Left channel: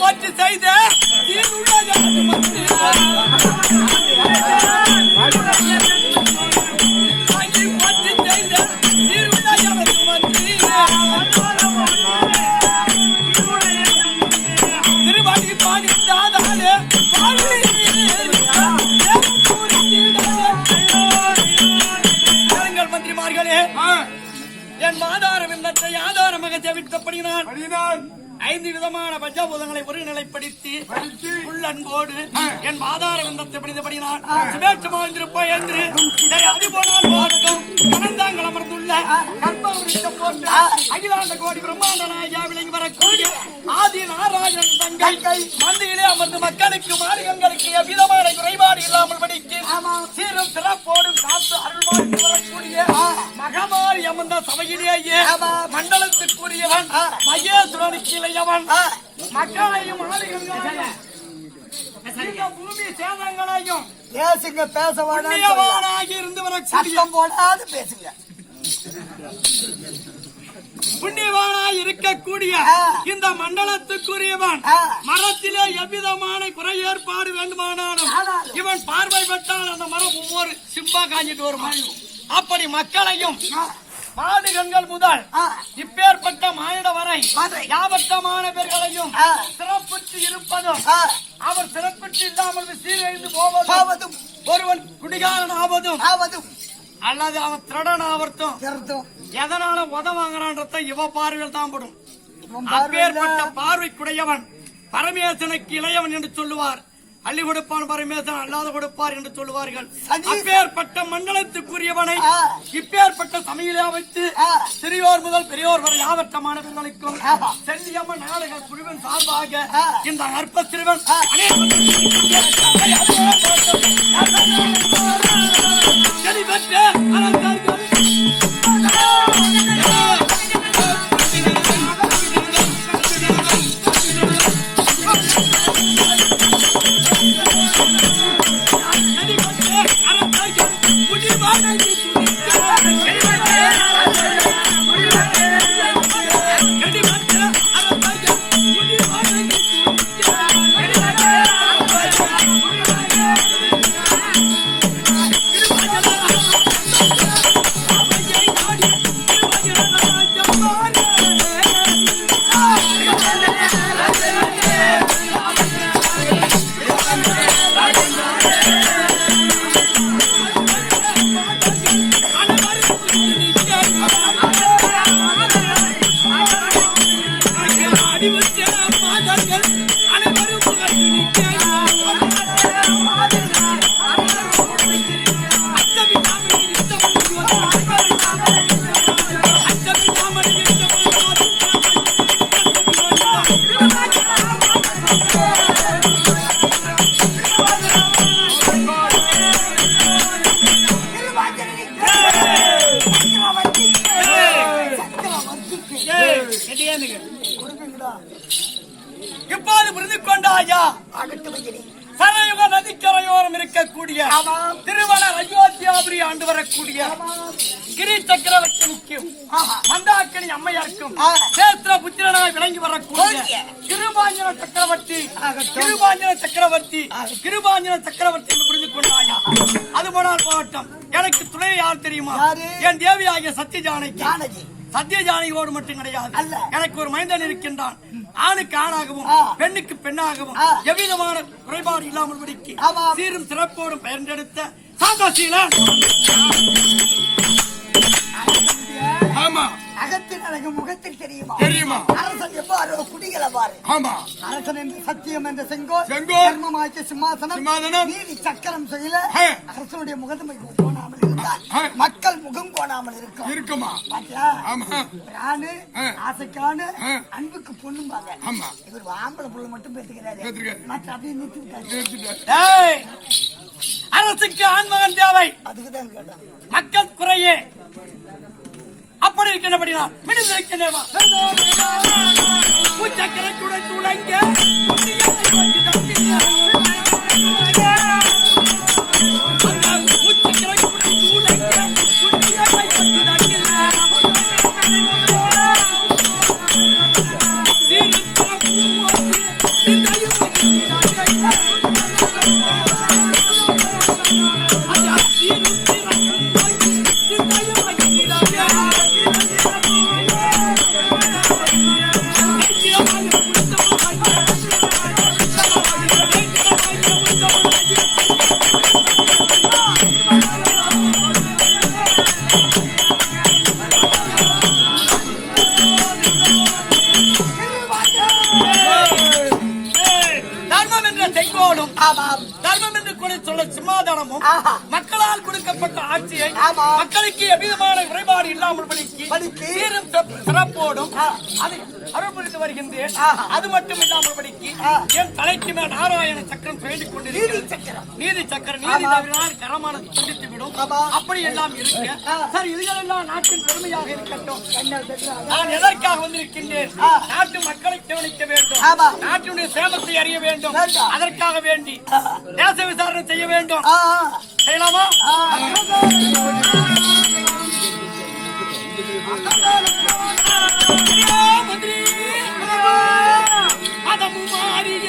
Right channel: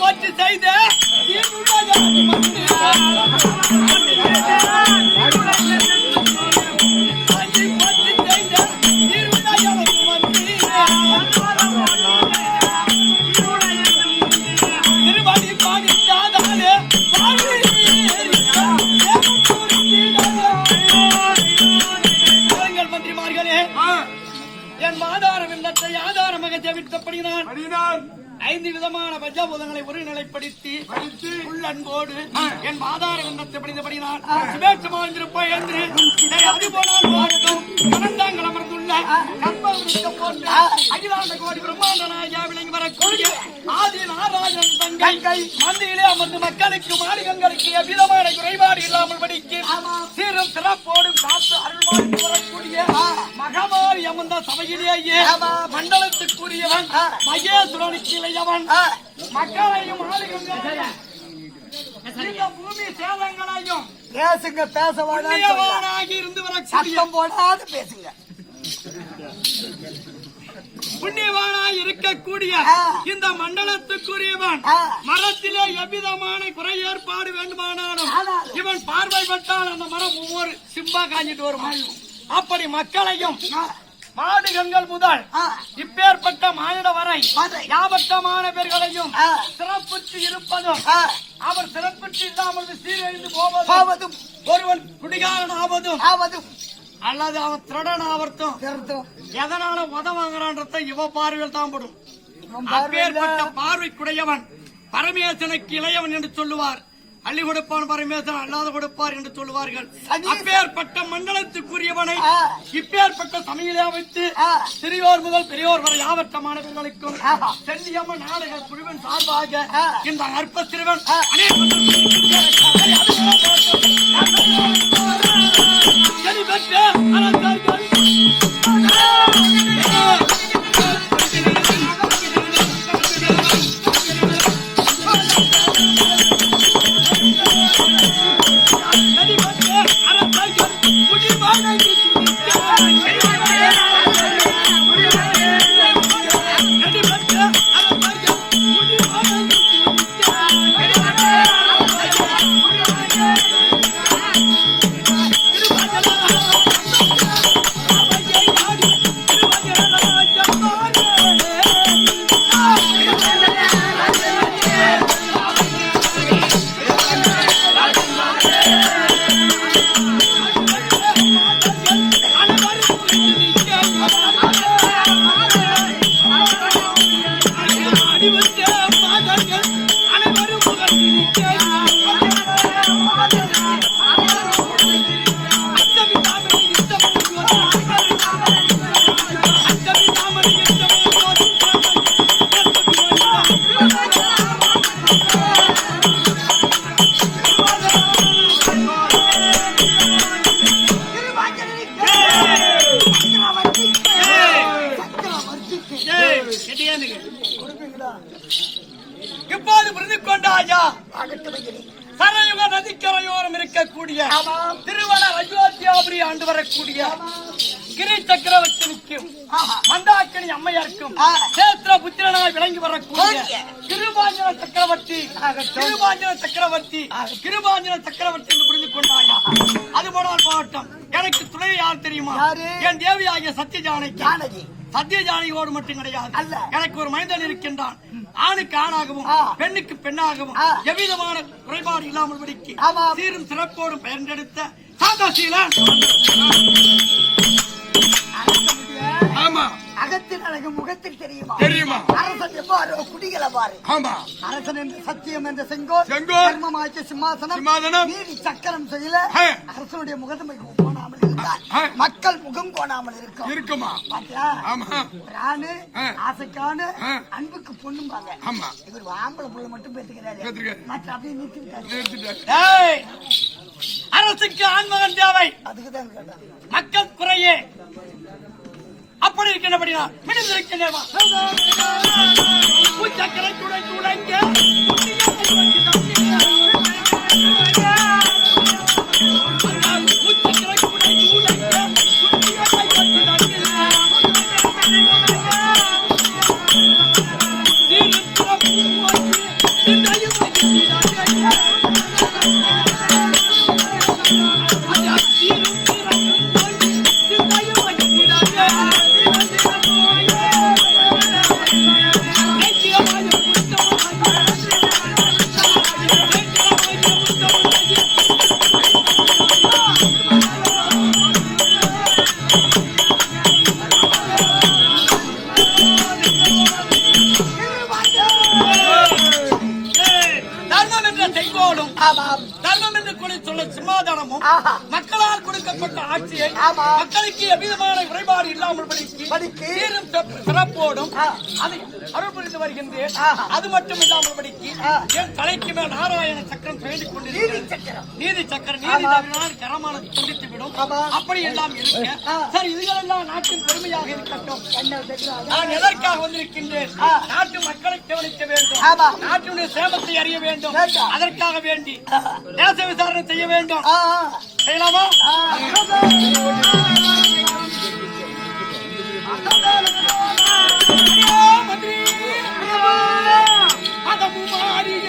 போட்டு செய்த திருவாடி பாதித்தாதாலே மந்திரிமார்களே, என் மாதாரம் என்ற ஆதாரமாக ஜெபித்தபடினான் 5 விதமான பஞ்சபூதங்களை ஒருநிலைப்படுத்தி உள்ளன்போடு என் மாதார விந்தத்தை படித்தபடினான் சுபேட்சமா இருந்திருப்போம் என்று அது போனால் வாழட்டும் மனந்தாங்கள் அமர்ந்துள்ள அகிலாண்ட கோடி பிரம்மாண்ட நாயா விளங்கி வரக்கூடிய ஆதி நாராயணன் தங்கை மந்தியிலே அமர்ந்து மக்களுக்கு மாநிலங்களுக்கு எவ்விதமான குறைபாடு இல்லாமல் படிக்க சீரும் சிறப்போடும் காத்து அருள்வாழ்ந்து வரக்கூடிய மகமாரி அமர்ந்த சபையிலேயே மண்டலத்துக்குரியவன் மகேஸ்வரனுக்கு இளையவன் மக்களையும் பூமி சேதங்களையும் பேசுங்க பேசவானாகி இருந்து வரக்கூடிய போடாது பேசுங்க புண்ணியவானாய் இருக்கக்கூடிய இந்த மண்டலத்துக்குரியவன் மரத்திலே எவ்விதமான குறை ஏற்பாடு வேண்டுமானாலும் இவன் பார்வைப்பட்டால் அந்த மரம் ஒவ்வொரு சிம்பா காஞ்சிட்டு வரும். அப்படி மக்களையும் மாடுகங்கள் முதல் இப்பேற்பட்ட மானிட வரை யாபத்தமான பேர்களையும் சிறப்பித்து இருப்பதும் அவர் சிறப்பித்து இல்லாமல் சீரழிந்து போவதும் ஒருவன் குடிகாரன் ஆவதும் அல்லது அவன் திருடன் ஆவர்த்தும் எதனால உதவாங்கிறான்றத இவ பார்வையில் தான் படும். அப்பேற்பட்ட பார்வைக்குடையவன் பரமேசனுக்கு இளையவன் என்று சொல்லுவார். அள்ளி கொடுப்பான் பரமேசன் அல்லாத கொடுப்பார் என்று சொல்லுவார்கள். அப்பேற்பட்ட மண்டலத்துக்குரியவனை இப்பேற்பட்ட சமையலை வைத்து சிறியோர் முதல் பெரியோர் வரை யாவற்றமானவர்களுக்கும் செல்லியம்மன் நாடக குழுவின் சார்பாக இந்த அற்ப சிறுவன் இப்போது புரிந்து கொண்டாயா சரயுக நதிக்கரையோரம் இருக்கக்கூடிய திருவன அயோத்தியாபுரி ஆண்டு வரக்கூடிய கிரி சக்கரவர்த்திக்கும் மந்தாக்கினி அம்மையாருக்கும் சேத்திர புத்திரனாய் விளங்கி வரக்கூடிய கிருபாஞ்சன சக்கரவர்த்தி என்று புரிந்து கொண்டாயா. அது போனால் போராட்டம் எனக்கு துணை யார் தெரியுமா? என் தேவி ஆகிய சத்தியஜானகியோடு மட்டும் கிடையாது. எனக்கு ஒரு மைந்தன் இருக்கின்றான். ஆணுக்கு ஆணாகவும் பெண்ணுக்கு பெண்ணாகவும் எவ்விதமான குறைபாடு இல்லாமல் படிக்கு சீரும் சிறப்போடும் பெயர்ந்தெடுத்த சாந்தசீலன். ஆமா, அகத்தின் அழகு முகத்தில் தெரியுமா? அரசன் எவ்வாறு குடிகளை பாரு. அரசன் என்று சத்தியம் என்ற செங்கோல் சிம்மாசனம் நீதி சக்கரம் செய்யல அரசனுடைய முகத்தை கோணாமல் இருந்தால் மக்கள் முகம் கோணாமல் இருக்குமா? ராணு ஆசைக்கான அன்புக்கு பொண்ணும் பாங்க. இவர் ஆம்பளை பொண்ணு மட்டும் பேசுகிறாரு. மற்ற அப்படியே நிறுத்திட்டாரு. அரசுக்கு ஆண்மகன் தேவை. அதுக்குதான் மக்கள் குறையே அப்படி இருக்கின்றபடியா மிடிந்திருக்கின்றவா சக்கரை துடை துடைங்க சக்கரை துடை துடைங்க சிம்மாதானமும் மக்களால் கொடுக்கப்பட்ட ஆட்சியை மக்களுக்கு எவ்விதமான குறைபாடு இல்லாமல் படிக்கு சீரும் சிறப்போடும் அதை அருள் புரிந்து வருகின்றேன். அது மட்டும் இல்லாமல் படிக்கு என் தலைக்கு மேல் நாராயண சக்கரம் பெய்து கொண்டிருக்கிறது. நீதி சக்கரம் நீதி தவிரான் கரமானது துண்டித்து விடும். அப்படி எல்லாம் இருக்க சார் இதுகளெல்லாம் நாட்டின் பெருமையாக இருக்கட்டும். நான் எதற்காக வந்திருக்கின்றேன்? நாட்டு மக்களை கவனிக்க வேண்டும், நாட்டினுடைய சேமத்தை அறிய வேண்டும். அதற்காக வேண்டி தேச விசாரணை செய்ய வேண்டும். செய்யலாமா? மந்திரி அதமும் மாறிய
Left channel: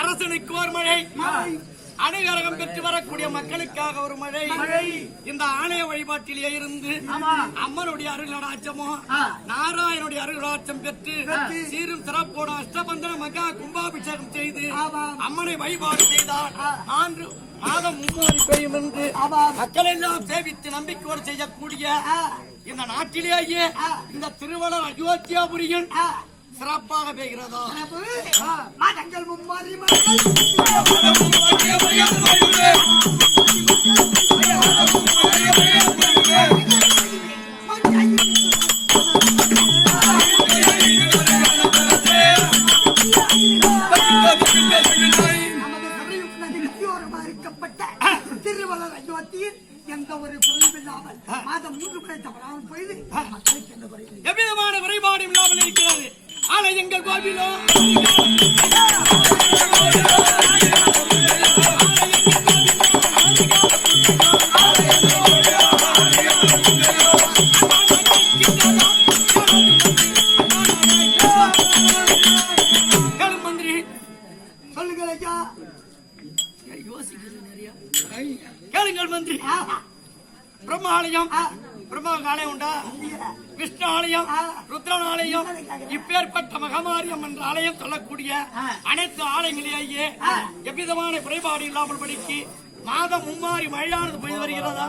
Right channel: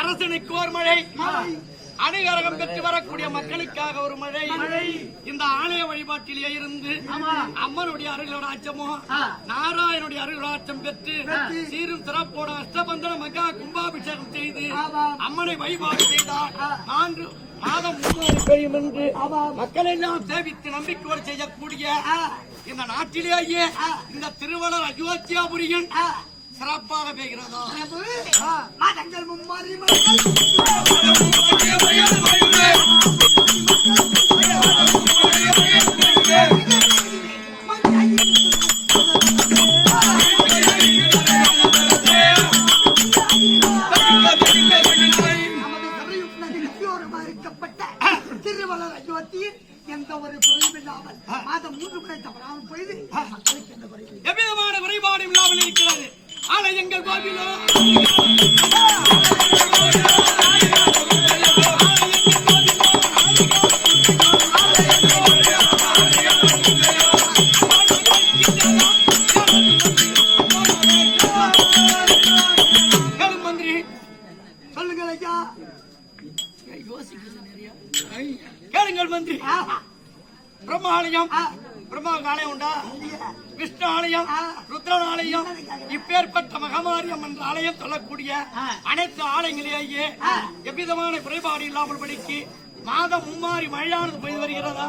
அரசனுக்கு ஒரு மழை, அணிகரகம் பெற்று வரக்கூடிய மக்களுக்காக ஒரு மழை. இந்த ஆலய வழிபாட்டிலே இருந்து அம்மனுடைய அருளாட்சமோ நாராயணுடைய அருளாட்சம் பெற்று சீரும் சிறப்போட அஷ்டபந்தன மகா கும்பாபிஷேகம் செய்து அம்மனை வழிபாடு செய்தால் 4 மாதம் 3 பெய்யும் என்று மக்கள் எல்லாம் சேவித்து நம்பிக்கையோடு செய்யக்கூடிய இந்த நாட்டிலேயே இந்த திருவள்ளர் அயோத்தியாபுரியின் சிறப்பாக பெய்கிறதோ மதங்கள் மும்மாறி திருவள்ளர் அயோத்தியில் எந்த ஒரு குறைவில்லாமல் மாதம் 3 முறை தவறாமல் பொழுது மக்களுக்கு எந்த குறைவு எவ்விதமான குறைபாடு இல்லாமல் இருக்கிறது. ஆனால் எங்கள் கோவிலோ மந்திரி சொல்லுங்கள் ஐயா. யோசிக்கிறது நிறைய கேளுங்கள் மந்திரி. பிரம்மாலயம் பிரம்மாவுக்கு ஆலயம் உண்டா? விஷ்ணு ஆலயம், ருத்ரன் ஆலயம், இப்பேற்பட்ட மகமாரியம் என்ற ஆலயம் சொல்லக்கூடிய அனைத்து ஆலயங்களிலேயே எவ்விதமான குறைபாடு இல்லாமல் படிக்கு மாதம் மும்மாறி மழையானது பெய்து வருகிறதா?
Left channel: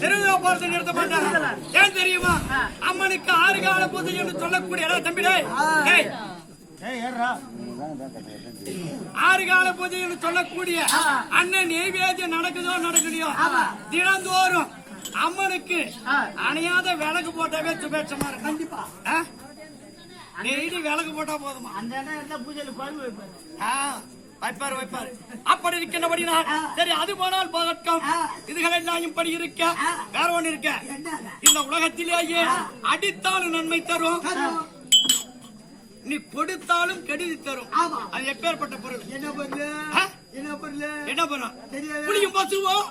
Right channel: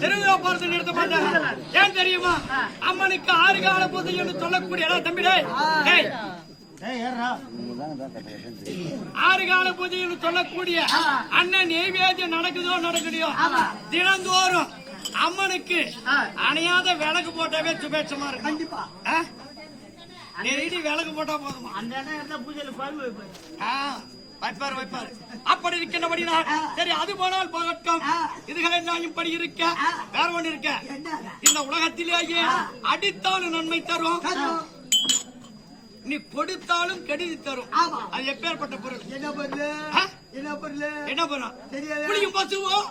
திருவிழா பார்த்து நிறுத்த மாட்டாங்க. ஏன் தெரியுமா? அம்மனுக்கு 6 கால பூஜை என்று சொல்லக்கூடிய தம்பிடே 6 கால பூஜை என்று சொல்லக்கூடிய அண்ணன் நெய்வேத்தியம் நடக்கலையோ தினந்தோறும் அம்மனுக்கு அணையாத விளக்கு போட்டாவே சுபேட்சமா இருக்கு. கண்டிப்பா டெய்லி விளக்கு போட்டா போதுமா? அந்த இடம் பூஜையில குழம்பு வைப்பாரு. அப்படி இருக்கின்றபடினா சரி, அது போனால் போகட்டும். இதுகளெல்லாம் இப்படி இருக்க வேற ஒண்ணு இருக்க. இந்த உலகத்திலேயே அடித்தாலும் நன்மை தரும், நீ கொடுத்தாலும் கெடுதி தரும். அது எப்பேற்பட்ட பொருள்? என்ன பொருள்? என்ன பொருள்? தெரியாது. புளியும் பசுவோம்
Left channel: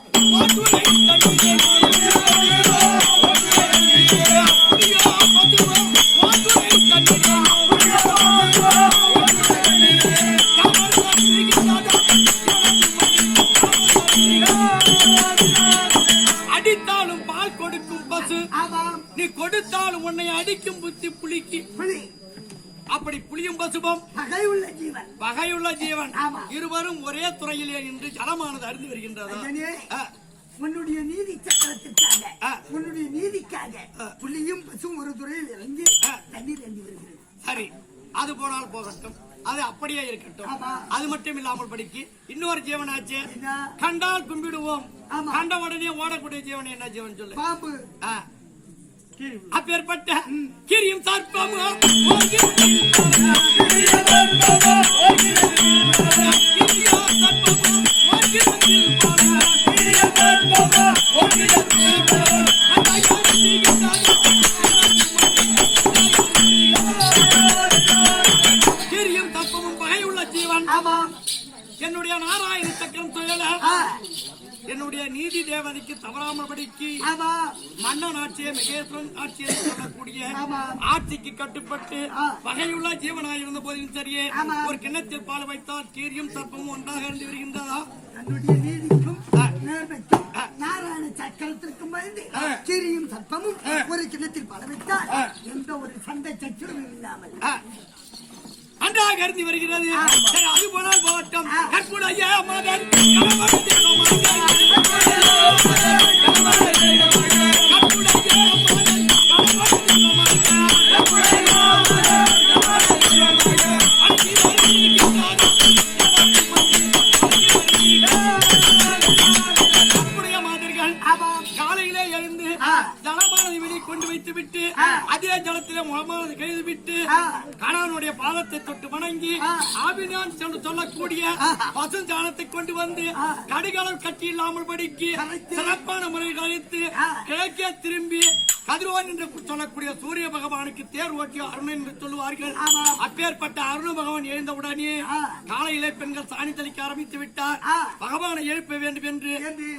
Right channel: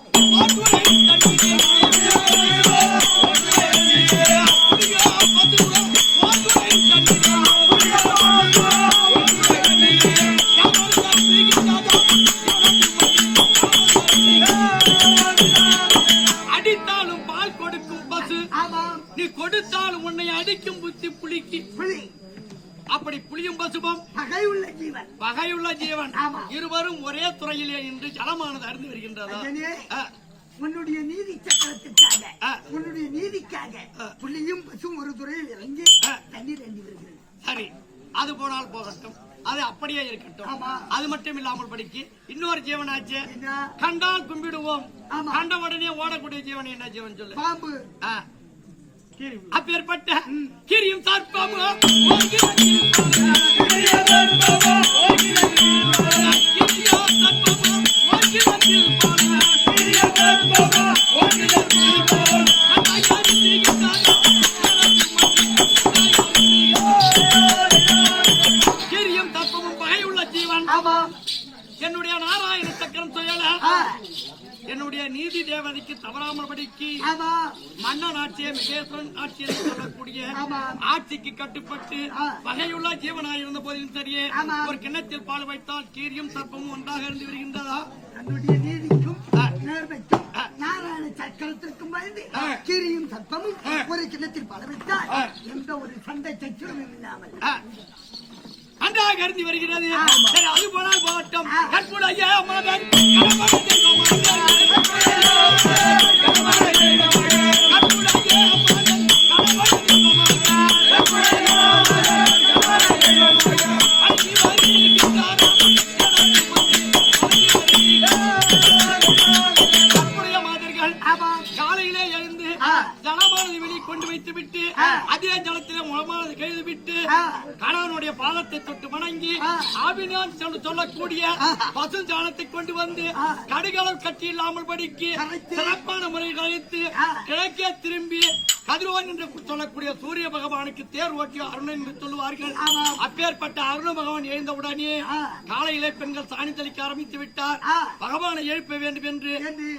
அடித்தாலும் பால் கொடுக்கும் பசு, நீ கொடுத்தாலும் உன்னை அடிக்கும் புத்தி புலிக்கு. அப்படி புலியும் பசுபம் வகையுள்ள ஜீவன் இருவரும் ஒரே துறையிலே இன்று ஜலமானது அறிந்து வருகின்றதா? உன்னுடைய நீதி சக்கரத்திற்காக உன்னுடைய நீதிக்காக புள்ளியும் பசும் ஒரு துறையில் இறங்கி தண்ணீர் அண்டி வருகிறது. சரி, அது போனால் போகட்டும், அது அப்படியே இருக்கட்டும். அது மட்டும் இல்லாமல் படிக்கு இன்னொரு ஜீவனாச்சு, கண்டால் கும்பிடுவோம், கண்ட உடனே ஓடக்கூடிய ஜீவன் என்ன ஜீவன் சொல்லு? பாம்பு. அப்பேற்பட்ட கிரியும் சர்ப்பமும் கிரியும் சர்ப்பமும் பகையுள்ள ஜீவன். என்னுடைய நாராயண சக்கரம் தொழில என்னுடைய நீதி தேவதைக்கு தவறாமல் படிக்கு மன்னன் ஆட்சியை மகேஸ்வரன் ஆட்சி என்று சொல்லக்கூடிய ஆட்சிக்கு கட்டுப்பட்டு வகையுள்ள ஜீவனாய் இருந்த போதிலும் சரியே ஒரு கிண்ணத்தில் பால் வைத்தால் கீரியும் சர்ப்பமும் ஒன்றாக இருந்து வருகின்றதா? தன்னுடைய நீதிக்கும் நேர்மைக்கும் நாராயண சக்கரத்திற்கும் பயந்து கீரியும் சர்ப்பமும் ஒரு கிண்ணத்தில் பால் வைத்தால் எந்த ஒரு சண்டை சச்சுரமும் இல்லாமல் அன்றாக இருந்து வருகிறது. சரி, அது போனால் போகட்டும். கற்புடைய மகன் காலையிலே எழுந்து ஜலமானது வெளியே கொண்டு வைத்து விட்டு அதே ஜலத்திலே முகமானது கைது விட்டு கணவனுடைய பாதத்தை தொட்டு வணங்கி ஆவினான் சொல்லக்கூடிய பசு ஜானத்தை கொண்டு வந்து கடுகளவு கட்டி இல்லாமல் படிக்கு சிறப்பான முறையில் அழைத்து கிழக்கே திரும்பி கதிரோன் என்று சொல்லக்கூடிய சூரிய பகவானுக்கு தேர் ஓட்டிய அருணன் என்று சொல்லுவார்கள். அப்பேற்பட்ட அருண பகவான் எழுந்தவுடனே காலையிலே பெண்கள் சாணி தெளிக்க ஆரம்பித்து விட்டார். பகவானை எழுப்ப வேண்டும் என்று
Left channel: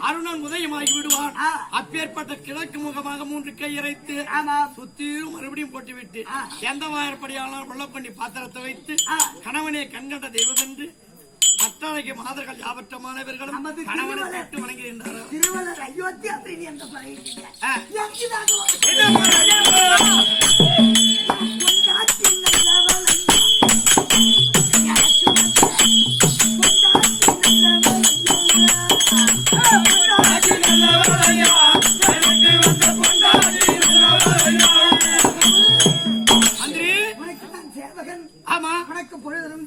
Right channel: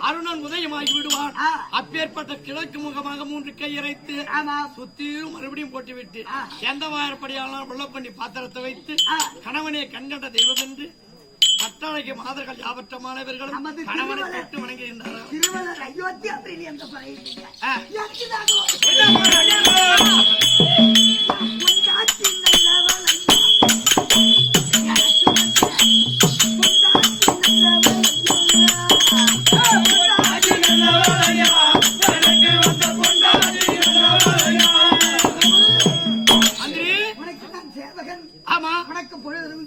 அருணன் உதயமாகி விடுவார். அப்பேற்பட்ட கிழக்கு முகமாக 3 கை இறைத்து சுத்தியும் மறுபடியும் போட்டுவிட்டு எந்த வாயற்படியாலும் வெள்ளக்கொண்டி பாத்திரத்தை வைத்து கணவனே கண்கண்ட தெய்வம் என்று கட்டளைக்கு மாதர்கள் யாவற்றமானவர்களும் கணவனை தொட்டு வணங்குகின்றனர். திருவள்ளுவர் அயோத்தி அப்படின்னு எந்த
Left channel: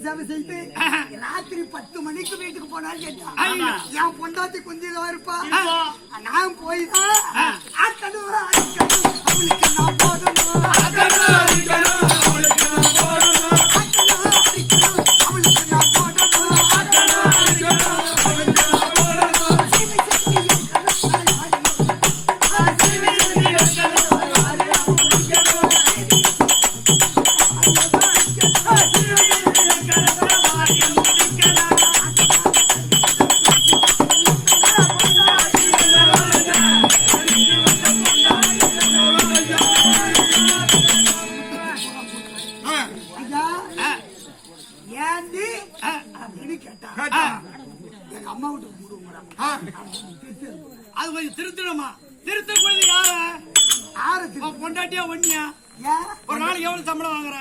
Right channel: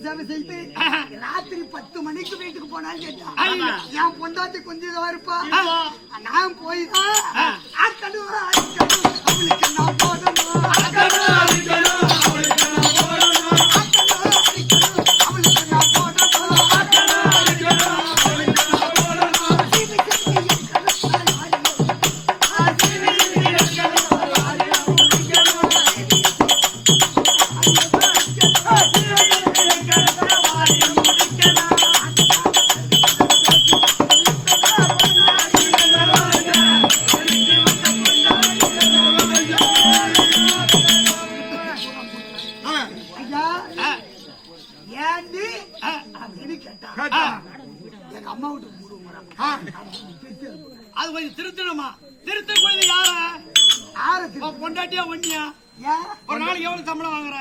சேவை செய்து ராத்திரி 10 மணிக்கு வீட்டுக்கு போனாலும் என் பொண்டாட்டி கொஞ்சம் இருப்பா. நான் போய்தான் அவளுக்கு நான் போடணும், அவளுக்கு நான் போடணும். அது கொஞ்சம் திருத்தணுமா? திருத்தக்கூடியது யாரு? பொண்டாட்டியா ஒன்னியா? ஒரு நாளைக்கு எவ்வளவு சம்பளம் வாங்குற?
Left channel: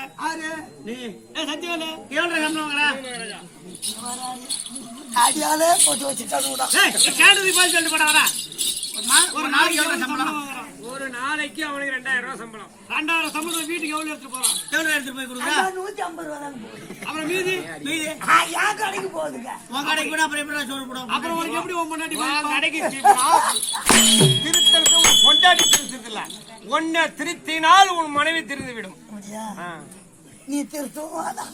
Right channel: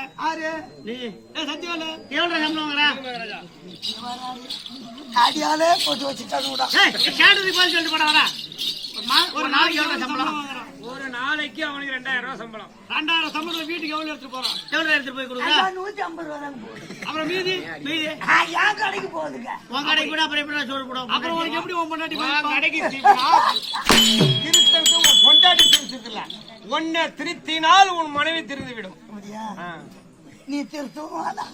நீ சத்தியவால எவ்வளவு சம்பளம் வாங்குற? அடியாலே போட்டு வச்சுட்டாங்க. சொல்லிட்டு போட வர ஒரு நாளைக்கு எவ்வளவு சம்பளம் வாங்குறான்? ஒரு நாளைக்கு அவனுக்கு 2000 ரூபாய் சம்பளம். 2000 சம்பளம் வீட்டுக்கு எவ்வளவு எடுத்து போறான்? எவ்வளவு எடுத்து போய் கொடுக்குறா? 150 ரூபாய் தான் போகுது. அப்புறம் மீதி என் கடைக்கு போகுதுங்க. உன் கடைக்கு கூட அப்புறம் எப்படி சொல்ல போடும்? அப்புறம் உனக்கு எப்படி உன் பொண்டாட்டி கடைக்கு திருத்தறது உன் பொண்டாட்டி திருத்தது இல்ல, உன்னை திருத்தினால் உன் மனைவி திருந்து விடும். நீ திருத்தும் வேணாம்,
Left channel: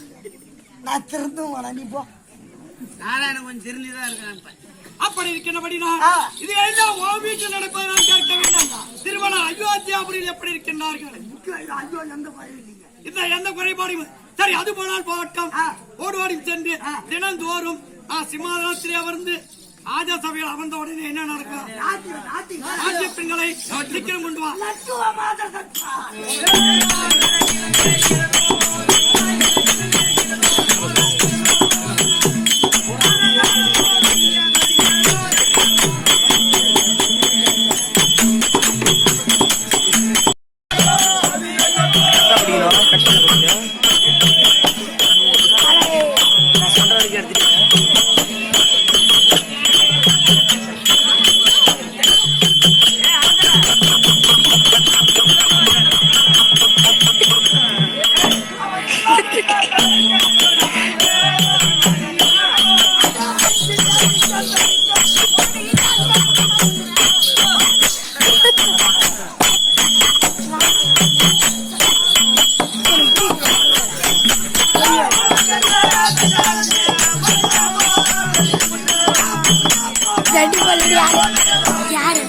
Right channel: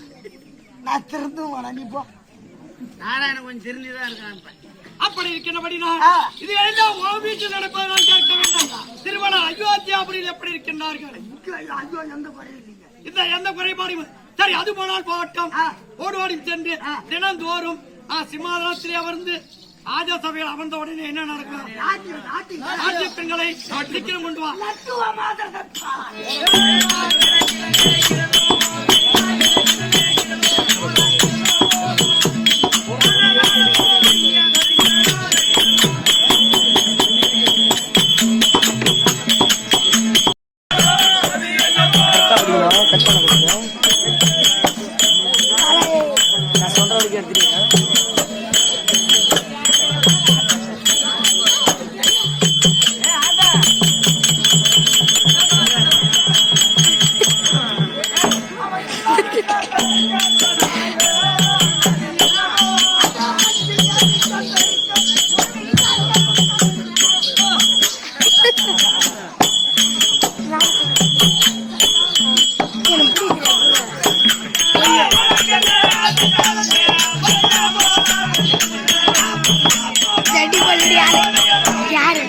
நான் திருந்தும் வேணாம். நீ போ. நாராயணன் கொஞ்சம் திருந்திதான் இருக்கான். அப்படி இருக்கின்றபடினா இது எல்லாம் உன் வீட்டில் நடப்பதை நான் கேட்க வேண்டும். திருமணம் அயோத்தியாபுரியில் எப்படி இருக்கின்றார்கள்? ஐயோ, எந்த குறையும் இல்லைங்க. இந்த எந்த குறைபாடும் சரி, அது போனால் போகட்டும். ஓடுவாடி சென்று தினந்தோறும் சிம்மாசனத்திலே அமர்ந்து ஆஜா சபையில் அமர்ந்த உடனே என்ன நடக்கும்? நாட்டிய பெண்களை சீக்கிரம் கொண்டு வா. நான் சொல்ற வரைக்கும் எடுத்துட்டீங்க. யாரு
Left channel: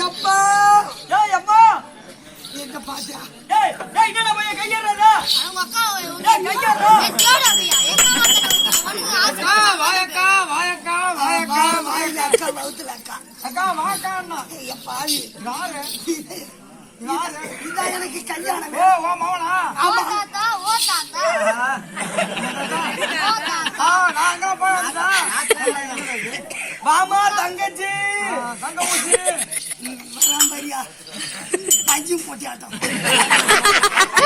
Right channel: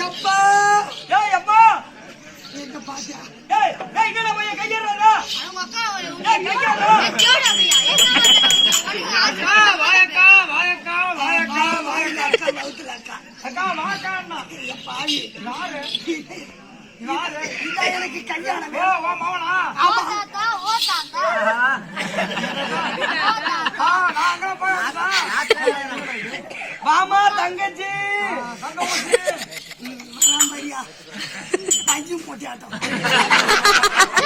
எப்பா ஏய் அம்மா எங்க பாத்தியா ஏய் ஏய் என்னடா பையன் கையறடா ஏய் கையறடா வாயக்கா வாயக்கா வாயக்கா வாயில அக்கா வவுத்துல அக்கா அக்கா வாக்கான்னா பாவி யாரு இதான் எனக்கு கல்யாணம் ஓ வா மாவனா ஆமா நாங்க போறதா மாமா தங்கச்சி தங்கச்சி பரியா பஞ்சு போட்டியாட்டம்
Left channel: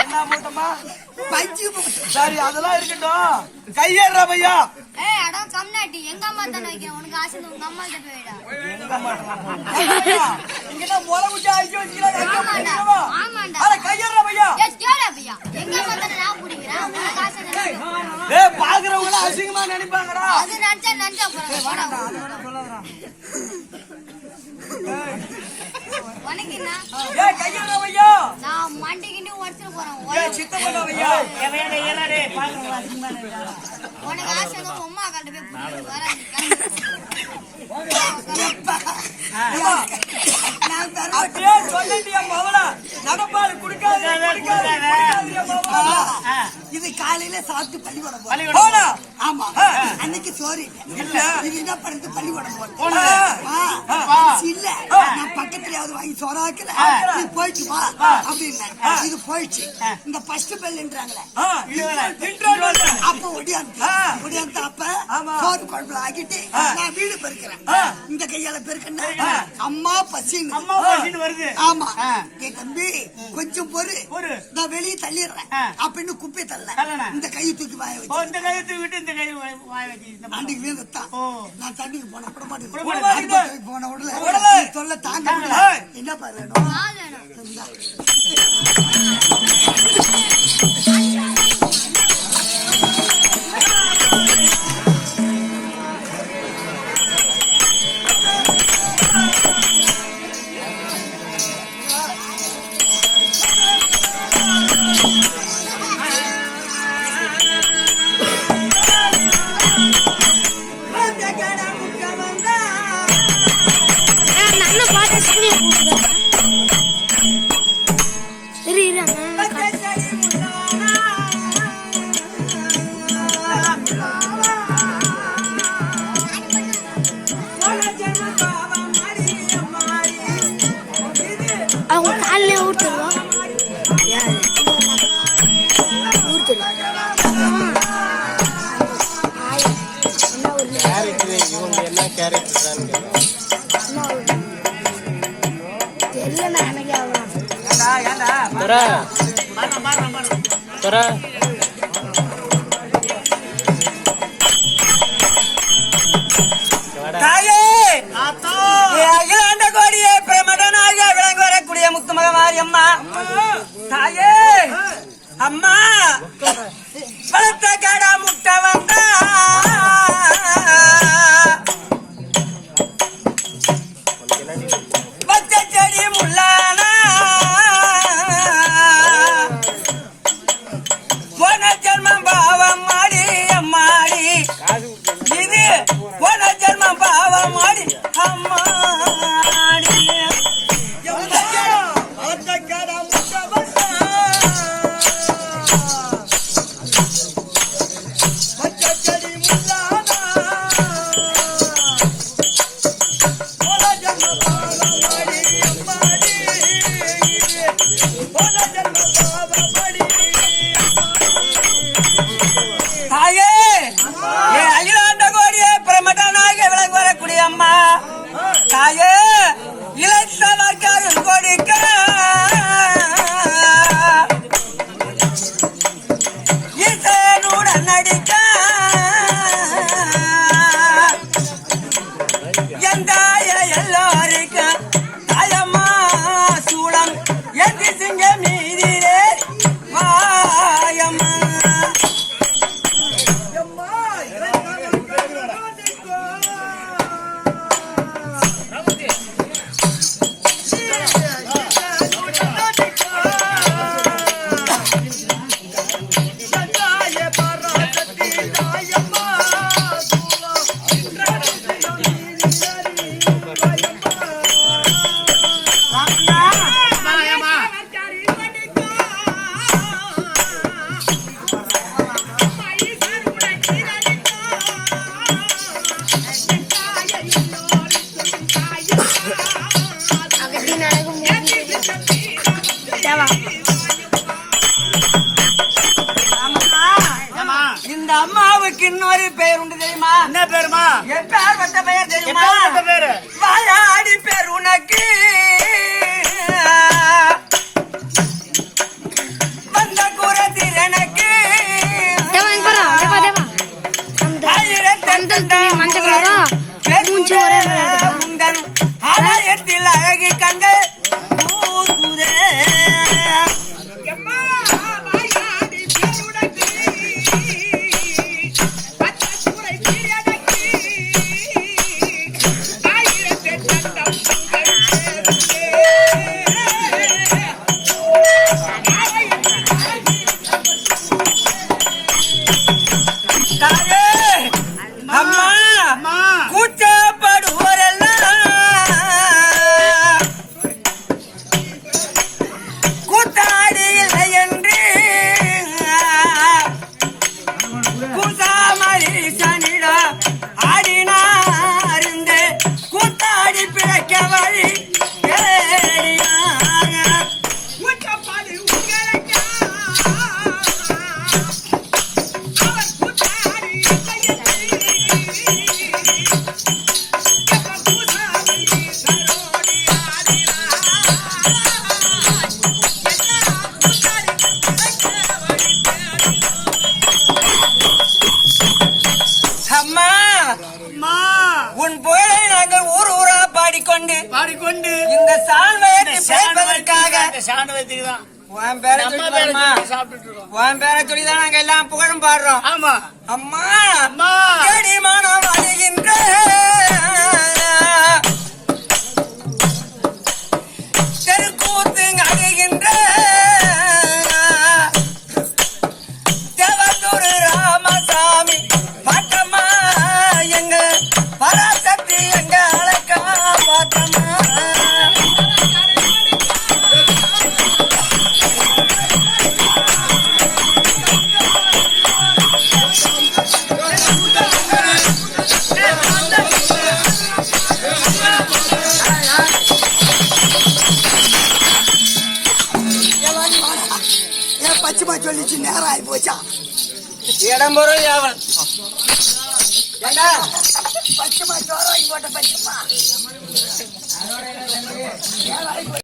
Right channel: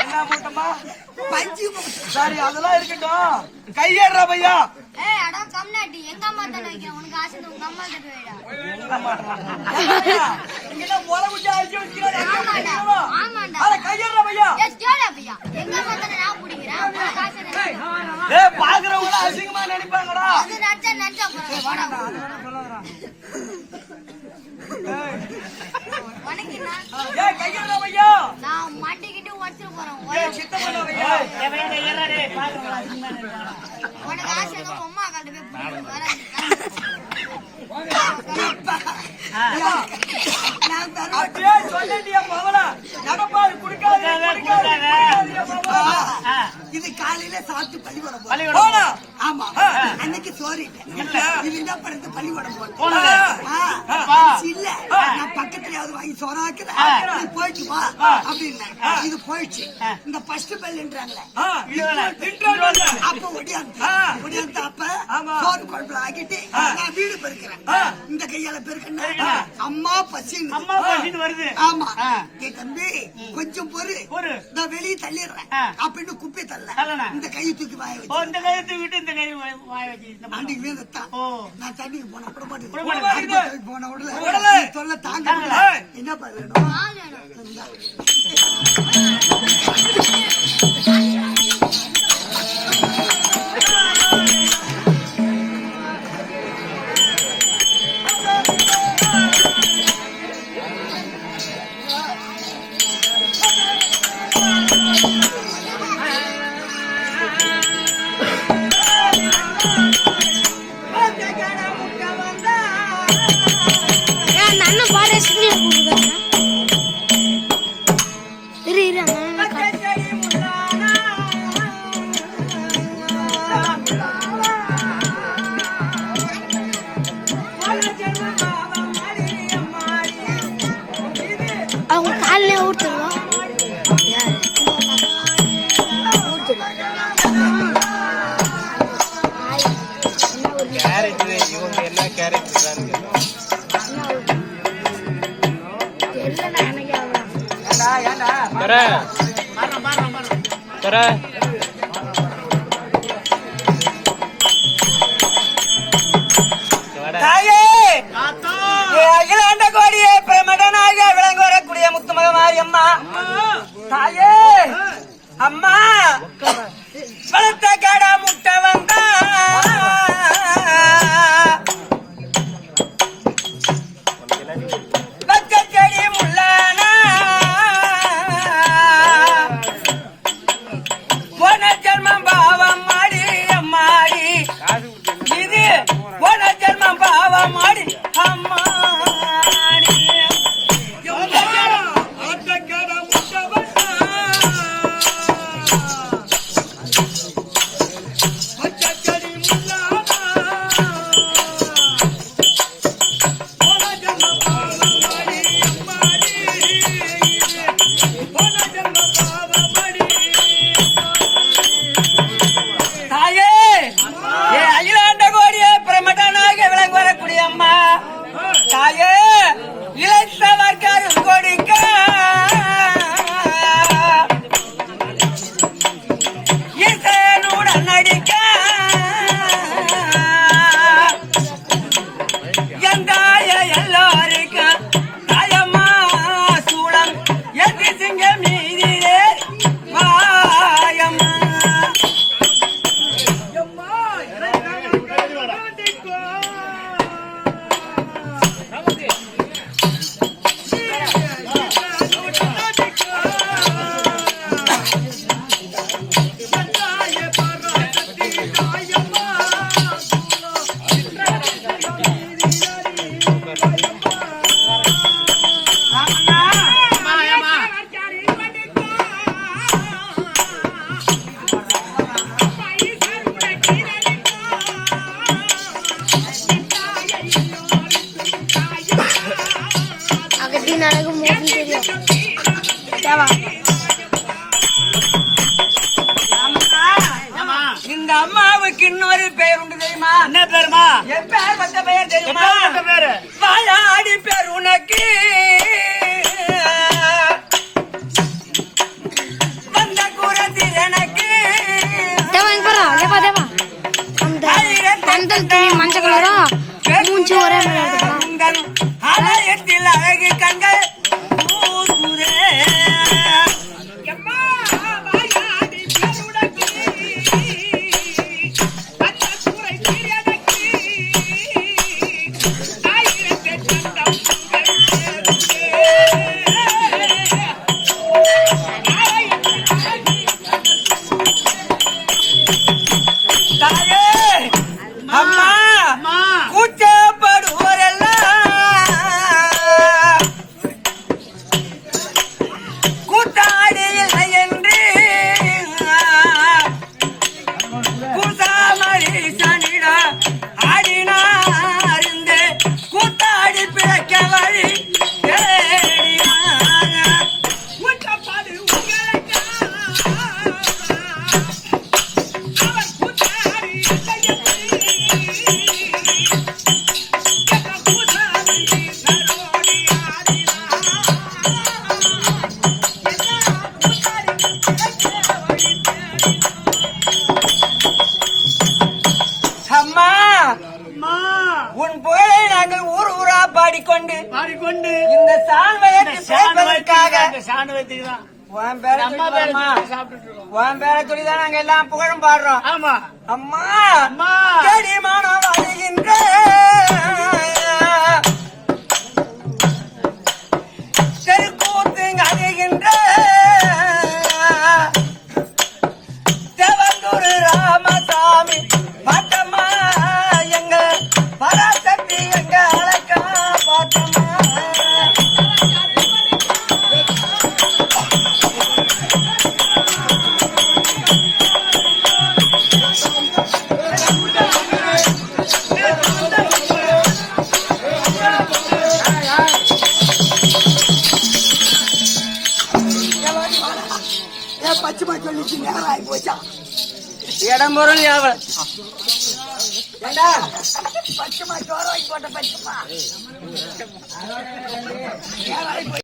என்ன போட்டமா பஞ்சு சரி அதெல்லாம் இருக்கட்டும் கையேறா பையா ஏய் அட கம்னாட்டி எங்க அம்மா தான வைக்கிறேன் உனக்கு ஆசை உங்க அம்மா கிட்ட போய்டா எங்க மாட்டறா இங்க முளை குச்சி அடிச்சு வச்சிருக்காங்க ஆமாண்டா அட கையேறா பையா ஏய் ஜோடா பையா எங்க அம்மா தான நான் புடிக்கிறேன் உனக்கு ஆசை தான ஏய் பாக்குறவங்க அசிங்கமா நினைப்பாங்கடா அது நஞ்சா போறா உனக்குன்னா ஏய் கையேறா பையா நான் மண்டி கிண்டி உடைச்சு போறேன் சித்தப்பா பையா உனக்கு ஆசை தான் அம்மா கிட்ட போய் புடிச்சிட்டு வர அப்படியே சொல்லிட்டியா மவளா நடப்பாடு குடிக்காது இது காலையில சாப்பிட்டு பள்ளிக்கூடம் பள்ளிக்கூடம் போனா ஆமா அன்னைக்கு சோறு இல்ல இது என்ன பண்றது பள்ளிக்கூடம் போனது இல்ல நான் பக்கத்துலயாவது வாங்கி சோறாக்குறேன் நீ போயிட்டு வா அப்படின்னு இது போயிடுச்சு இந்த ஃபர்ஸ்ட் பெல்ன்றாங்களே அப்ப ஒடியாந்து அப்ப சோறு குழம்புல ஆக்கிட்டு நான் வீடு பெருக்கிறேன் இந்த கையால பெருக்கன்னா அம்மா பசின்னு வருது ஆமா ஏ தம்பி கொஞ்சம் பொறு நான் வெளியே தள்ளிடுறேன் அப்படின்னு குப்பை தள்ள இந்த கையை தூக்கி வாய வச்சு இந்த கையத்தை விட்டு இந்த கை வாய வச்சு ஆண்டிக்கு வீந்தத்தான் நான் தண்ணிக்கு போன விட மாட்டேன் போன உடல சொல்ல தாங்க முடியல. என்ன பாரு அண்ணன் பாட சொல்லி இரு அவங்க காலையில ஊட்டுருவா தாயே அகிலாண்ட கோடியே பிரமதனாக விளங்க வரக்கூடிய முத்துமகமாரி அம்மா தாயே அம்மா பழத்த கடா முட்டை வந்தா பச்சை செடி முள்ளானா போன ஜென்மம் பாவம் மாடி அம்மாடி இது போன ஜென்மம் பாவம் மாடி அம்மாடி வா. ஏம்மா? இந்த அம்மாவுக்கு இன்னொரு பெயர் உண்டு தெரியுமா? என்ன பேருமா? என் பேர் வந்த பெயர் தெரியுமா? என்ன பேரு? வாயாடி பேர் உனக்கு வந்த குரத்தில் எனக்கு தேவா இங்க பாரு தேவா தேவா அந்த மஞ்சள் கலரா மூஞ்சி ஒரே மாதிரி இருக்குதா? உங்கள் ஆலயத்தில் அழகு கண்கள் பூசுதே. எம்மா, வாயாடி பேர் உனக்கு வந்த குரத்தில் எனக்கு ஆயிரத்தை தந்தம் உங்கள் பேசுதே. தாயே, அம்மா, கூச்சப்படுவோரெல்லாம் கூத்தாடி இல்லை என்று கூசாமரி சனிட ஆடினாருந்து கூத்தாடி பிழைக்க வழி தேடினார். கூச்சப்பாடு உங்களுக்கு அவர் கூத்தாடி இல்லை என்று அம்மா, உன் புகழை நாங்கள் ஊர் ஊரா பாடிக்கொண்டு இந்த சால்வையத்தை சேர்ப்பதற்காக உன் பேரை சொல்லி பாரும்மா. உன் பேரை சொல்லிதான் நாங்க எல்லாம் புகழும் பாடுறோம். ஆமா. அம்மா, செடிமானம் வருகின்ற தெருக்கூத்து அழுகின்ற தேவந்தூர் ராமசாமி பாட்டம்மா எங்க பராசக்தி எங்க அழகா பாட்டம்மா. ஏன் பச்சைமா சொல்லிச்சு நேரம் ஆகி போச்சா? இடம் பொருள் யாவல் ஏண்டா பச்சைமா சோறு வாங்கி போட்ட பச்சைமா